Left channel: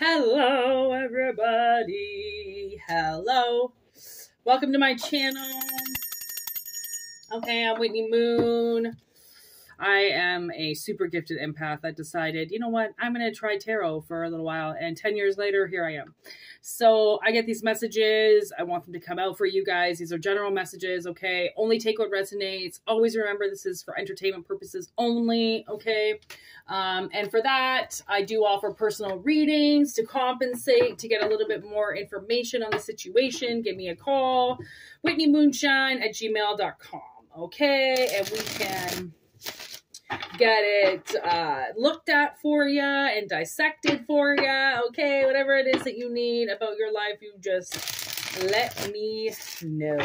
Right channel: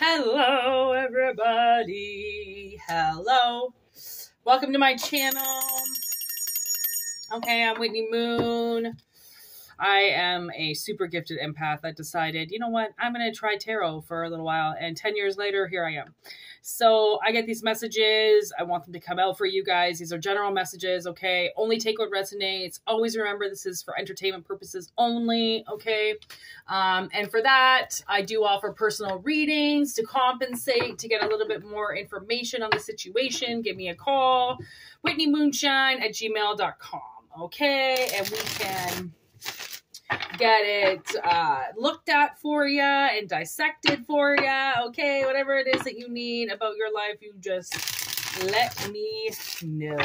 Hello, everybody. Hello. Welcome to my channel. Okay, I'm Whitney Moon. I am a super gifted empath that decided, you know what, I'm going to try tarot for a little while. And 10 years later, here I am. So I get these messages. I want them to come out for you guys. These are general messages, okay? Only take what resonates. Always remember this is for entertainment purposes only, okay? And for that, I do offer personal readings to compensate, to get a little bit more information on the situation. Give me a call, whitneymoonshine@gmail.com, okay? And we can get it looked at for you and dissected for you, okay? Whatever it is that you need about your life, you just let me know,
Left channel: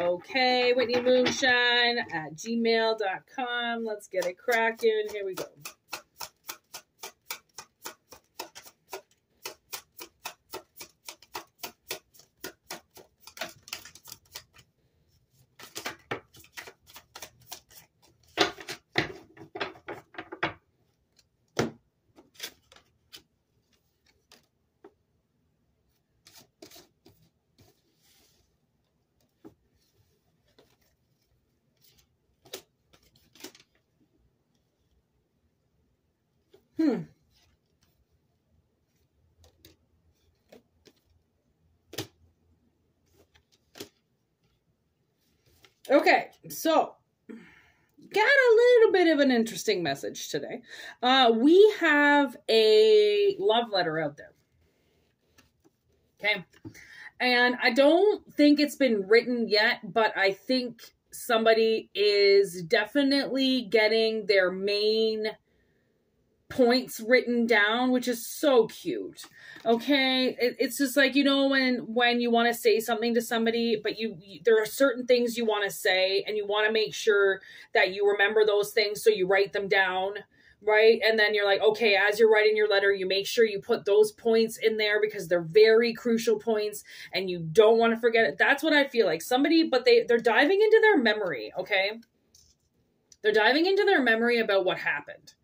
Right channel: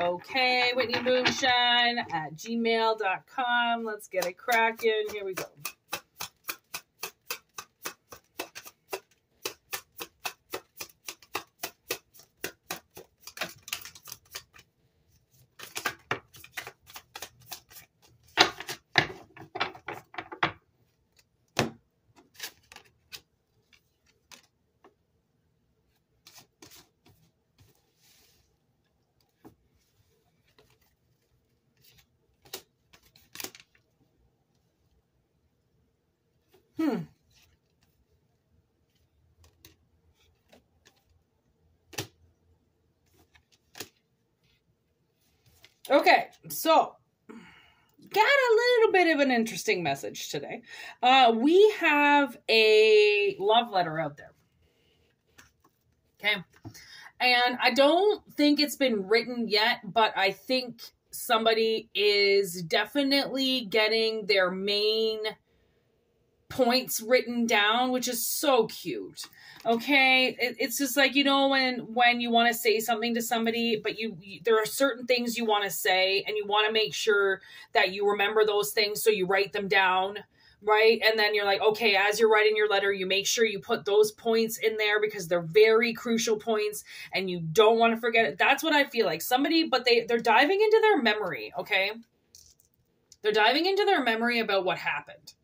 okay? whitneymoonshine@gmail.com. Let's get it cracking. Here we go. Okay, so got a little bit of an interesting message today. We have a love letter out there. Okay, and I don't think it's been written yet, but I think somebody is definitely getting their main points written down, which is so cute. Okay, it's just like, you know, when you want to say something to somebody, but there are certain things you want to say, and you want to make sure that you remember those things, so you write them down, right? And then you're like, okay, as you're writing your letter, you make sure you put those points in there because they're very crucial points, and you don't want to forget it. That's what I feel like. Somebody, but they're diving into their memory, okay? They're diving into their memory about what happened.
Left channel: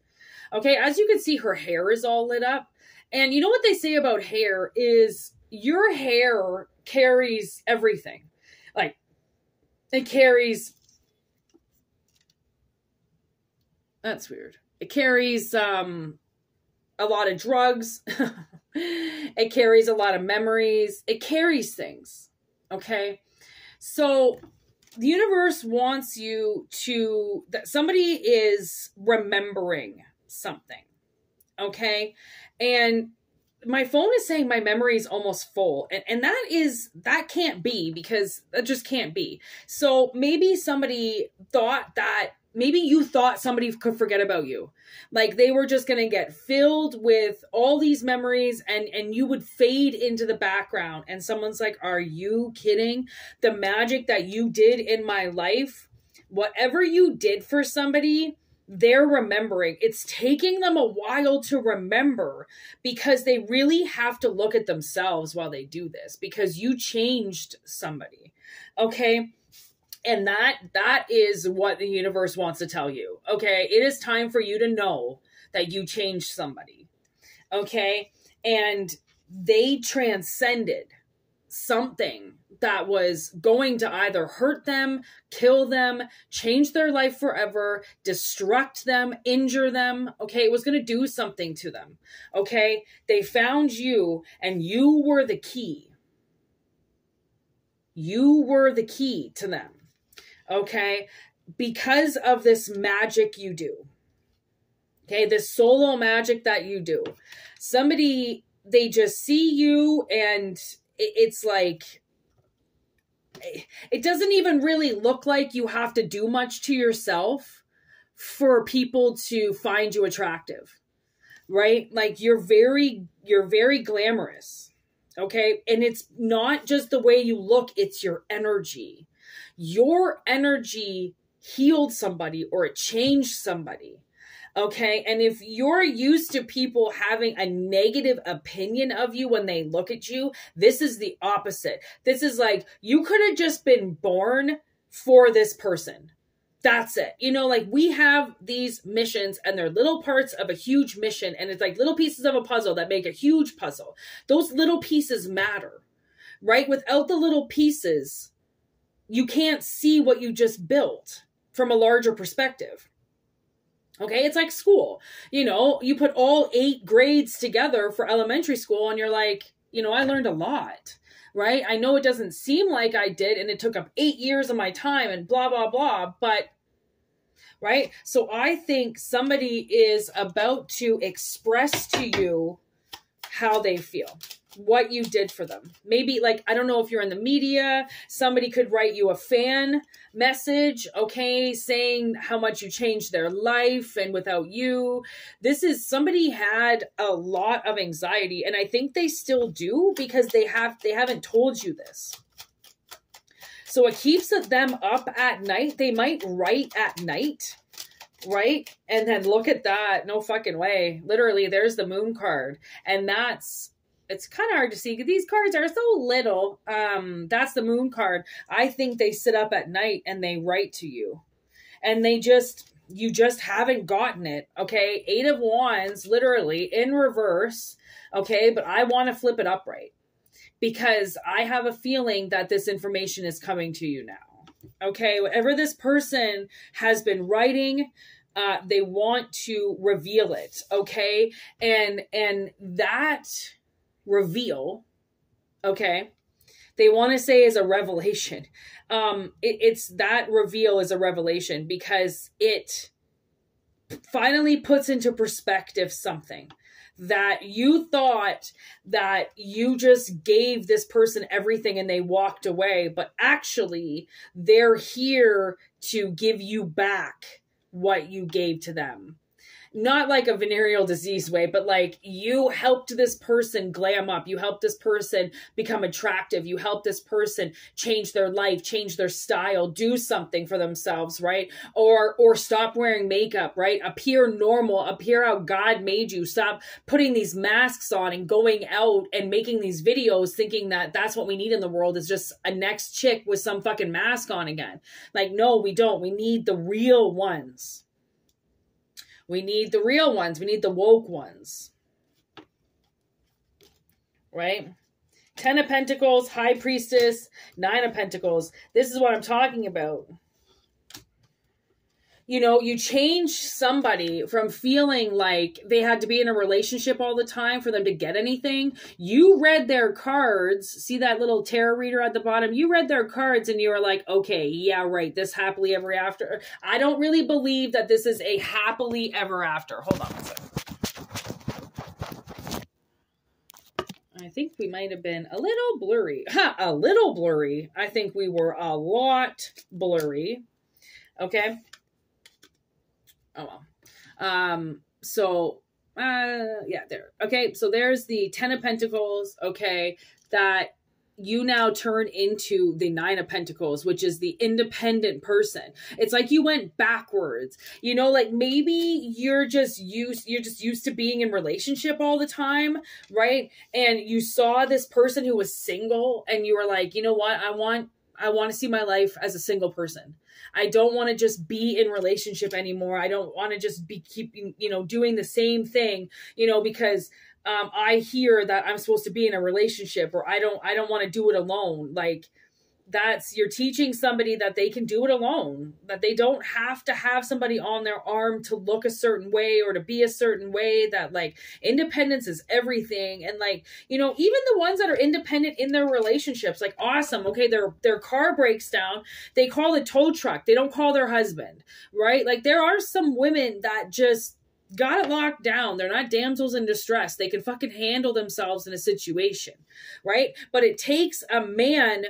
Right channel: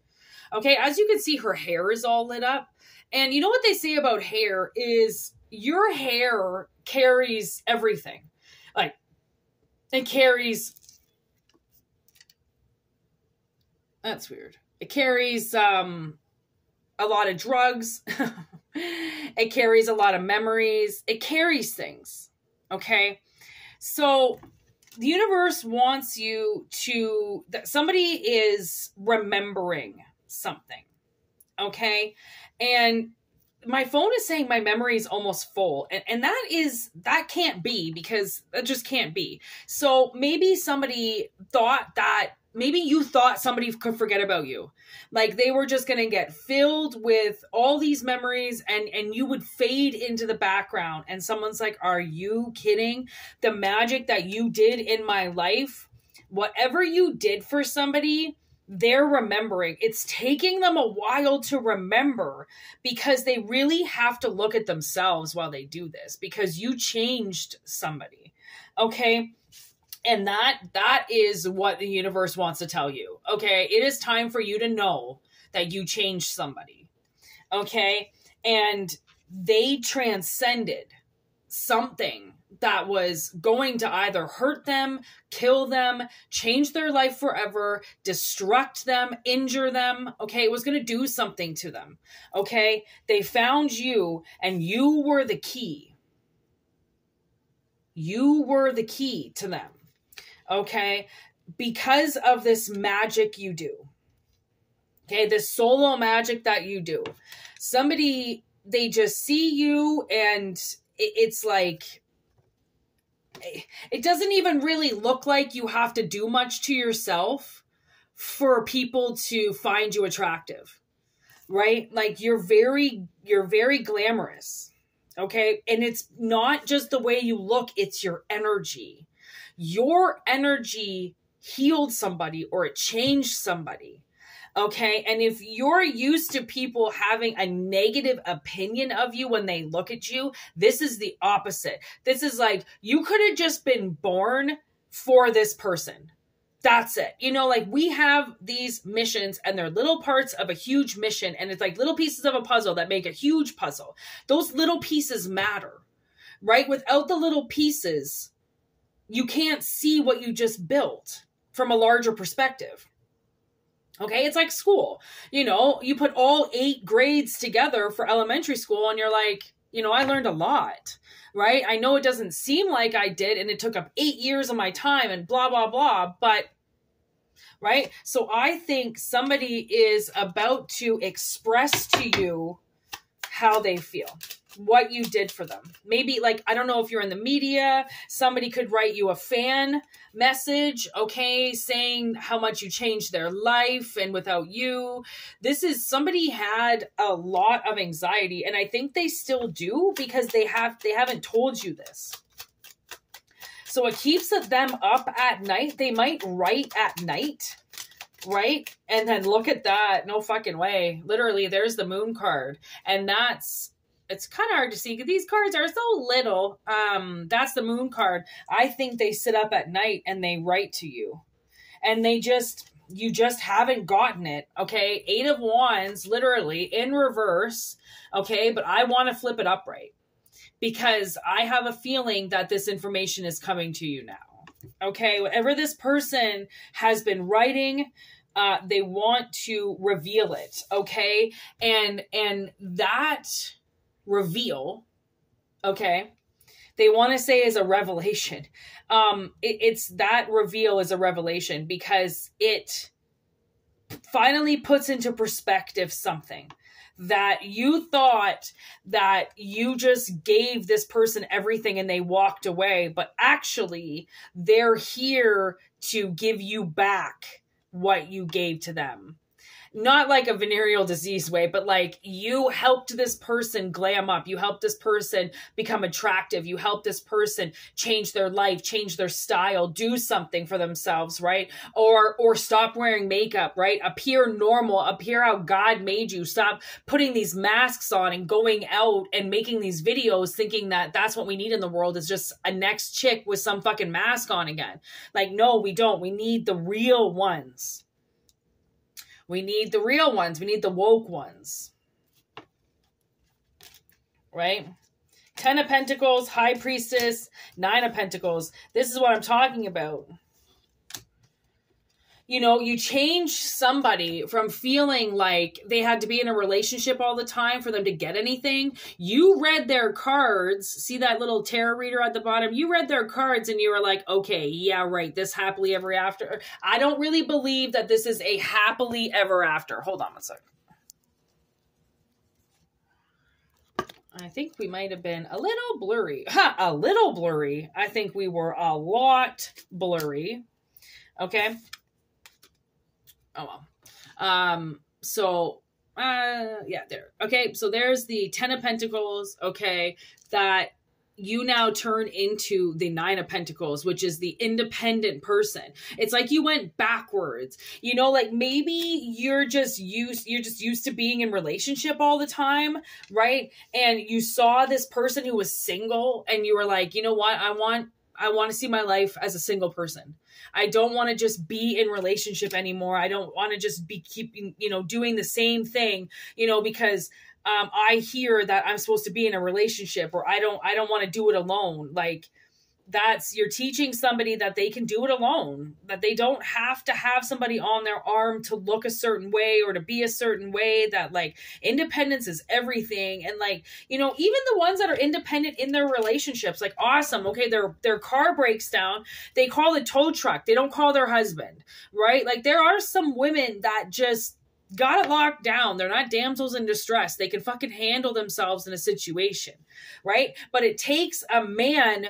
Okay, as you can see, her hair is all lit up. And you know what they say about hair is your hair carries everything. Like, it carries... That's weird. It carries a lot of drugs. It carries a lot of memories. It carries things. Okay? So the universe wants you to... that somebody is remembering something, okay? And my phone is saying my memory is almost full, and that can't be, because that just can't be. So maybe somebody thought that, maybe you thought somebody could forget about you, like they were just gonna get filled with all these memories, and you would fade into the background, and someone's like, are you kidding? The magic that you did in my life, whatever you did for somebody, they're remembering. It's taking them a while to remember, because they really have to look at themselves while they do this, because you changed somebody, okay? And that is what the universe wants to tell you, okay? It is time for you to know that you changed somebody, okay? And they transcended something that was going to either hurt them, kill them, change their life forever, destruct them, injure them, okay? It was going to do something to them, okay? They found you, and you were the key. You were the key to them, okay? Because of this magic you do, okay? This solo magic that you do. Somebody, they just see you, and it's like, it doesn't even really look like you have to do much to yourself for people to find you attractive, right? Like you're very glamorous, okay? And it's not just the way you look, it's your energy. Your energy healed somebody, or it changed somebody. Okay, and if you're used to people having a negative opinion of you when they look at you, this is the opposite. This is like, you could have just been born for this person. That's it. You know, like we have these missions and they're little parts of a huge mission. And it's like little pieces of a puzzle that make a huge puzzle. Those little pieces matter, right? Without the little pieces, you can't see what you just built from a larger perspective. Okay, it's like school. You know, you put all 8 grades together for elementary school and you're like, you know, I learned a lot, right? I know it doesn't seem like I did and it took up 8 years of my time and blah, blah, blah, but right? So I think somebody is about to express to you how they feel, what you did for them. Maybe like, I don't know if you're in the media, somebody could write you a fan message, okay, saying how much you changed their life and without you. This is, somebody had a lot of anxiety and I think they still do because they haven't told you this. So it keeps them up at night. They might write at night, right? And then look at that. No fucking way. Literally, there's the moon card. And it's kind of hard to see because these cards are so little. That's the moon card. I think they sit up at night and they write to you. And you just haven't gotten it, okay? 8 of Wands, literally, in reverse, okay? But I want to flip it upright. Because I have a feeling that this information is coming to you now. Okay, whatever this person has been writing, they want to reveal it. Okay, and that reveal, okay, they want to say is a revelation. It's that reveal is a revelation because it finally puts into perspective something that you thought that you just gave this person everything and they walked away, but actually they're here to give you back what you gave to them. Not like a venereal disease way, but like you helped this person glam up. You helped this person become attractive. You helped this person change their life, change their style, do something for themselves, right? Or stop wearing makeup, right? Appear normal, appear how God made you. Stop putting these masks on and going out and making these videos thinking that that's what we need in the world is just a next chick with some fucking mask on again. Like, no, we don't. We need the real ones. We need the real ones. We need the woke ones. Right? 10 of Pentacles, High Priestess, 9 of Pentacles. This is what I'm talking about. You know, you change somebody from feeling like they had to be in a relationship all the time for them to get anything. You read their cards. See that little tarot reader at the bottom? You read their cards and you were like, okay, yeah, right. This happily ever after. I don't really believe that this is a happily ever after. Hold on a second. I think we might have been a little blurry. A little blurry. I think we were a lot blurry. Okay. Oh, well. Yeah, there. Okay, so there's the 10 of Pentacles, okay, that you now turn into the 9 of Pentacles, which is the independent person. It's like you went backwards. You know, like maybe you're just used to being in relationship all the time, right? And you saw this person who was single and you were like, you know what? I want to see my life as a single person. I don't want to just be in relationship anymore. I don't want to just be keeping, you know, doing the same thing, you know, because I hear that I'm supposed to be in a relationship or I don't want to do it alone. Like you're teaching somebody that they can do it alone, that they don't have to have somebody on their arm to look a certain way or to be a certain way, that like independence is everything. And like, you know, even the ones that are independent in their relationships, like awesome. Okay. Their car breaks down. They call the tow truck. They don't call their husband, right? Like there are some women that just got it locked down. They're not damsels in distress. They can fucking handle themselves in a situation, right? But it takes a man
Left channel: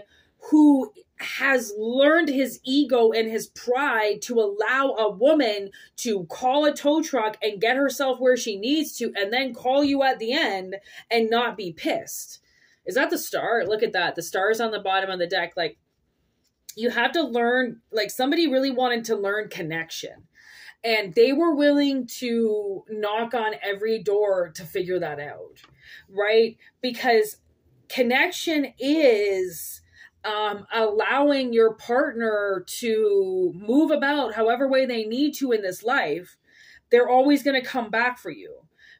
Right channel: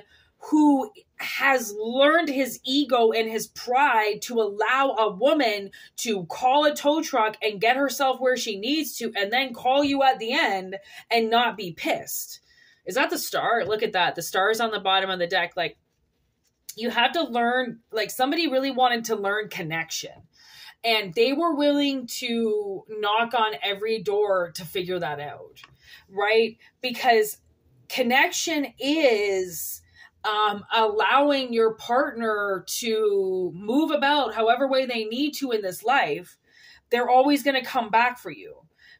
who has learned his ego and his pride to allow a woman to call a tow truck and get herself where she needs to and then call you at the end and not be pissed. Is that the star? Look at that. The star is on the bottom of the deck. Like you have to learn, like somebody really wanted to learn connection and they were willing to knock on every door to figure that out, right? Because connection is allowing your partner to move about however way they need to in this life, they're always going to come back for you.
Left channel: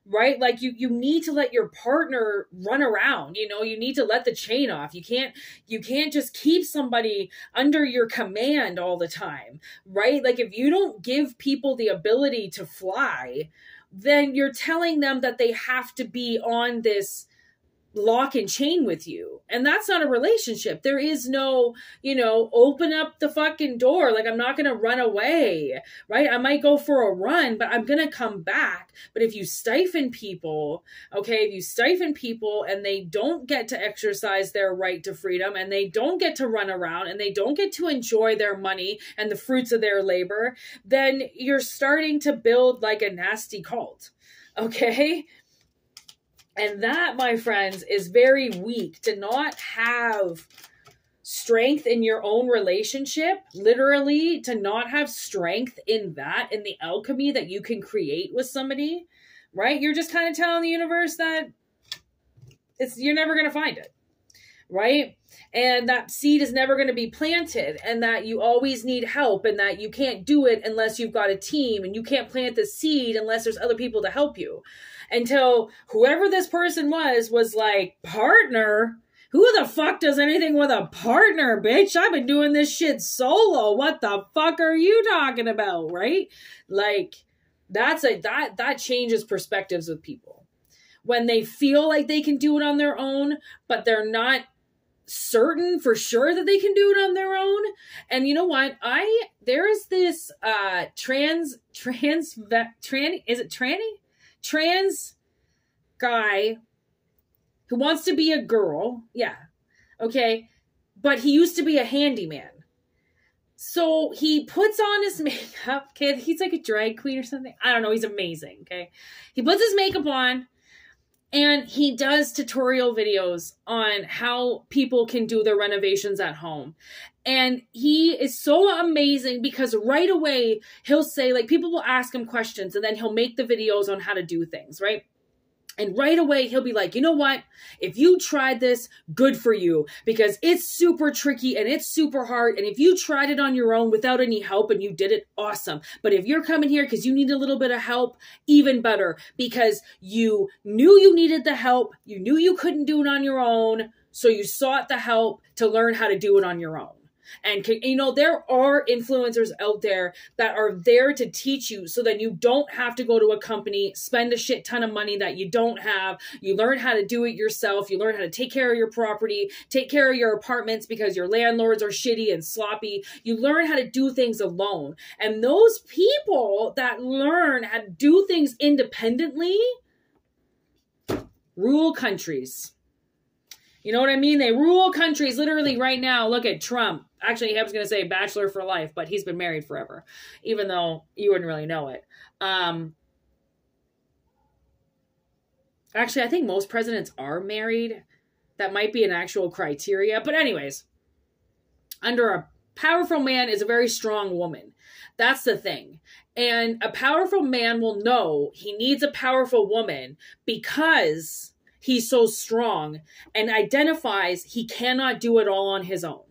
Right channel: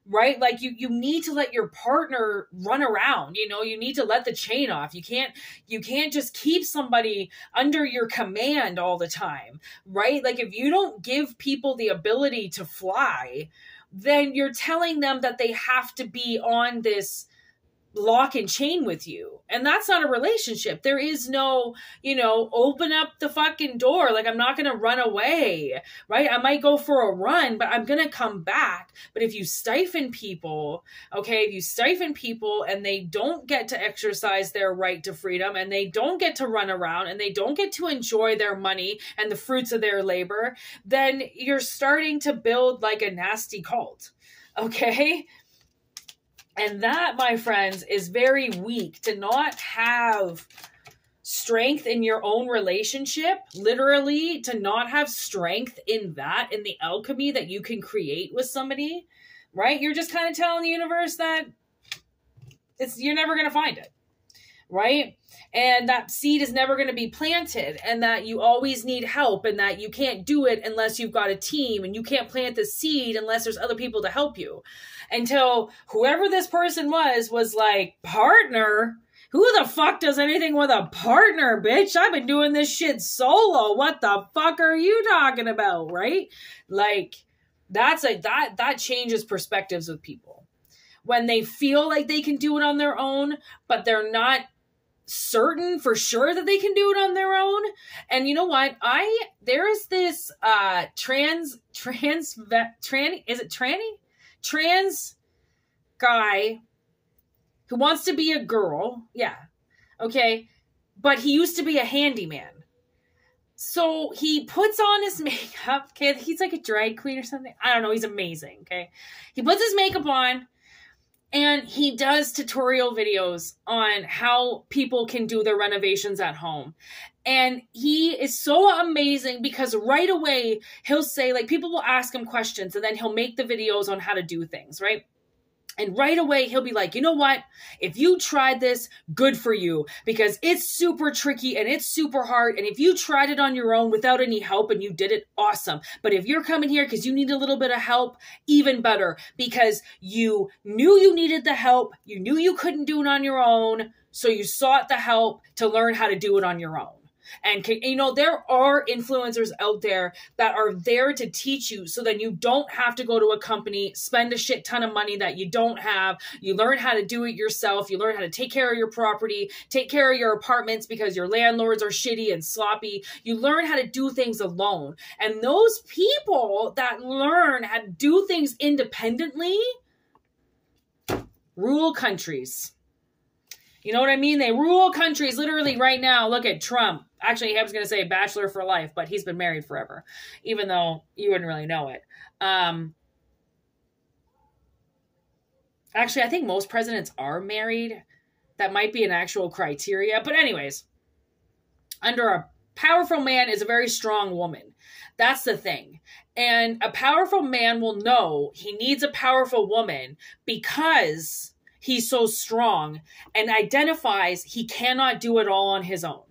Right? Like you need to let your partner run around, you need to let the chain off. You can't just keep somebody under your command all the time, right? Like if you don't give people the ability to fly, then you're telling them that they have to be on this lock and chain with you. And that's not a relationship. There is no, open up the fucking door. Like, I'm not going to run away, right? I might go for a run, but I'm going to come back. But if you stifle people, and they don't get to exercise their right to freedom, and they don't get to run around, and they don't get to enjoy their money and the fruits of their labor, then you're starting to build like a nasty cult. Okay? And that, my friends, is very weak. To not have strength in your own relationship, literally to not have strength in that, in the alchemy that you can create with somebody, right? You're just kind of telling the universe that you're never going to find it, right? And that seed is never going to be planted, and that you always need help, and that you can't do it unless you've got a team, and you can't plant the seed unless there's other people to help you. Until whoever this person was like, partner? Who the fuck does anything with a partner, bitch? I've been doing this shit solo. What the fuck are you talking about, right? Like, that changes perspectives with people. When they feel like they can do it on their own, but they're not certain for sure that they can do it on their own. And you know what? There's this trans guy who wants to be a girl. Yeah. Okay. But he used to be a handyman. So he puts on his makeup. Okay. He's like a drag queen or something. I don't know. He's amazing. Okay. He puts his makeup on and he does tutorial videos on how people can do their renovations at home. And he is so amazing because right away he'll say, like, people will ask him questions and then he'll make the videos on how to do things, right? And right away he'll be like, you know what? If you tried this, good for you, because it's super tricky and it's super hard. And if you tried it on your own without any help and you did it, awesome. But if you're coming here because you need a little bit of help, even better, because you knew you needed the help. You knew you couldn't do it on your own. So you sought the help to learn how to do it on your own. And, there are influencers out there that are there to teach you so that you don't have to go to a company, spend a shit ton of money that you don't have. You learn how to do it yourself. You learn how to take care of your property, take care of your apartments because your landlords are shitty and sloppy. You learn how to do things alone. And those people that learn how to do things independently rule countries. You know what I mean? They rule countries literally right now. Look at Trump. Actually, I was going to say bachelor for life, but he's been married forever, even though you wouldn't really know it. Actually, I think most presidents are married. That might be an actual criteria. But anyways, under a powerful man is a very strong woman. That's the thing. And a powerful man will know he needs a powerful woman because he's so strong and identifies he cannot do it all on his own,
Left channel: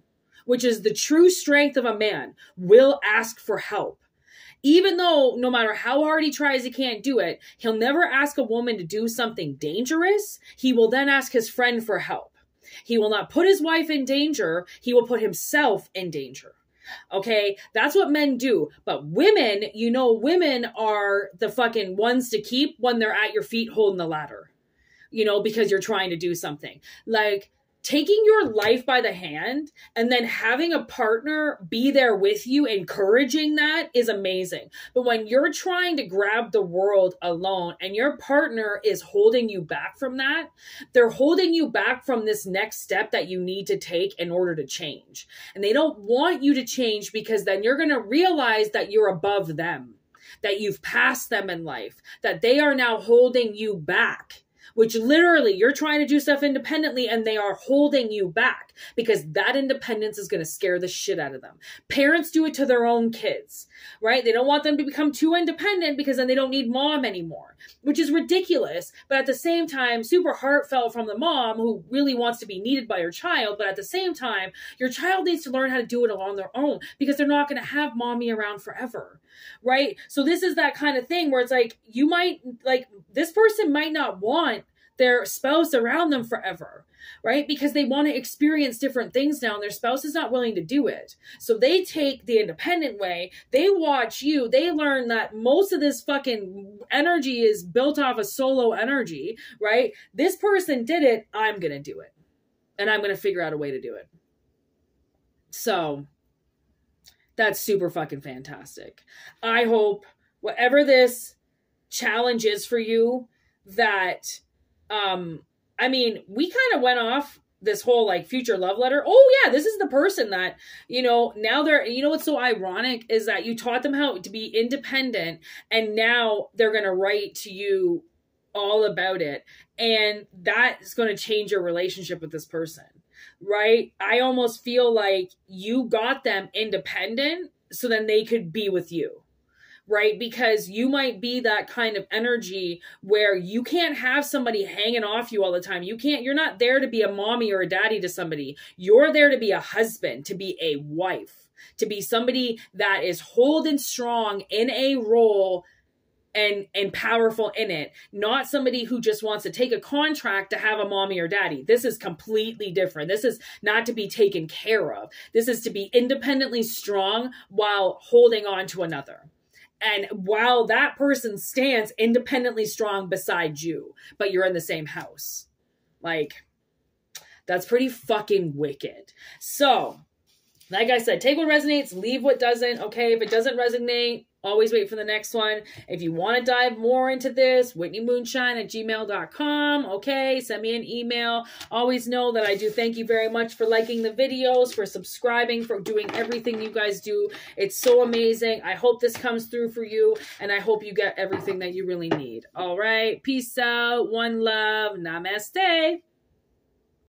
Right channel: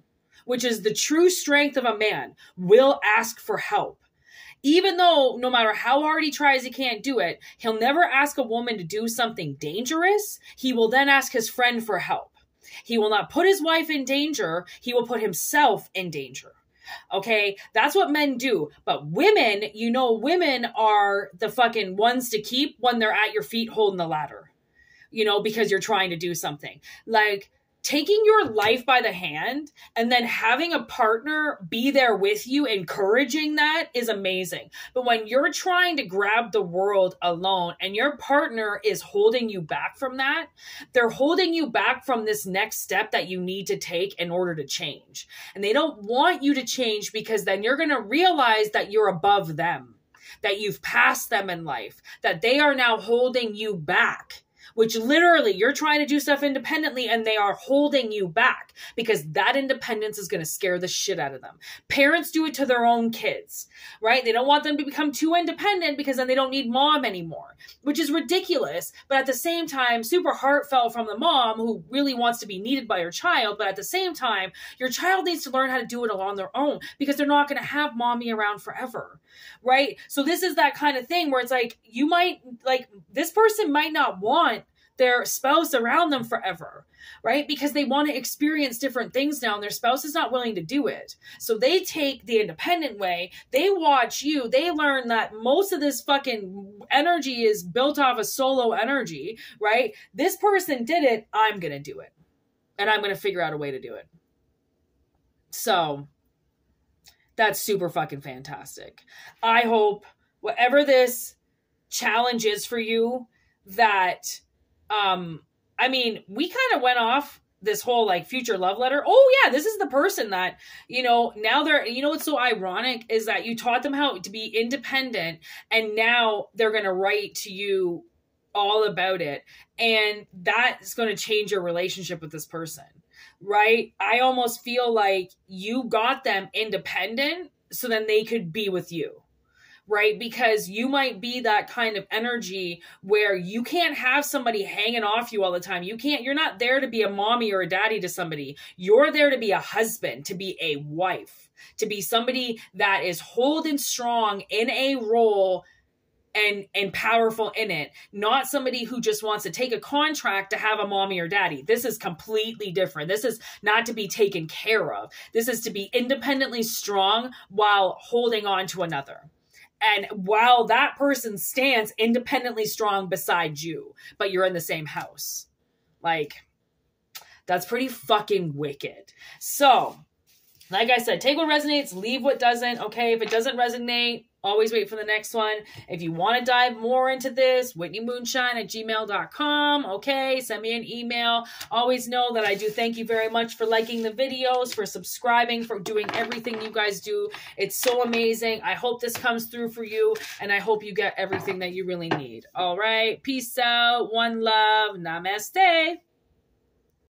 which is the true strength of a man, will ask for help. Even though no matter how hard he tries, he can't do it, he'll never ask a woman to do something dangerous. He will then ask his friend for help. He will not put his wife in danger. He will put himself in danger. Okay, that's what men do. But women, women are the fucking ones to keep when they're at your feet holding the ladder. Because you're trying to do something. Like, taking your life by the hand and then having a partner be there with you, encouraging that, is amazing. But when you're trying to grab the world alone and your partner is holding you back from that, they're holding you back from this next step that you need to take in order to change. And they don't want you to change because then you're going to realize that you're above them, that you've passed them in life, that they are now holding you back. which literally you're trying to do stuff independently and they are holding you back because that independence is going to scare the shit out of them. Parents do it to their own kids, right? They don't want them to become too independent because then they don't need mom anymore, which is ridiculous. But at the same time, super heartfelt from the mom who really wants to be needed by her child. But at the same time, your child needs to learn how to do it on their own because they're not going to have mommy around forever, right? So this is that kind of thing where it's like, you might, like, this person might not want their spouse around them forever, right? Because they want to experience different things now and their spouse is not willing to do it. So they take the independent way. They watch you. They learn that most of this fucking energy is built off of solo energy, right? This person did it. I'm going to do it. And I'm going to figure out a way to do it. So that's super fucking fantastic. I hope whatever this challenge is for you, that, I mean, we kind of went off this whole like future love letter. Oh yeah, this is the person that, you know, now they're, you know, what's so ironic is that you taught them how to be independent and now they're going to write to you all about it. And that is going to change your relationship with this person, right? I almost feel like you got them independent so then they could be with you. Right? Because you might be that kind of energy where you can't have somebody hanging off you all the time. You're not there to be a mommy or a daddy to somebody. You're there to be a husband, to be a wife, to be somebody that is holding strong in a role and powerful in it. Not somebody who just wants to take a contract to have a mommy or daddy. This is completely different. This is not to be taken care of. This is to be independently strong while holding on to another. And while that person stands independently strong beside you, but you're in the same house. Like, that's pretty fucking wicked. So, like I said, take what resonates, leave what doesn't. Okay, if it doesn't resonate, always wait for the next one. If you want to dive more into this, whitneymoonshine@gmail.com. Okay, send me an email. Always know that I do thank you very much for liking the videos, for subscribing, for doing everything you guys do. It's so amazing. I hope this comes through for you, and I hope you get everything that you really need. All right, peace out. One love. Namaste.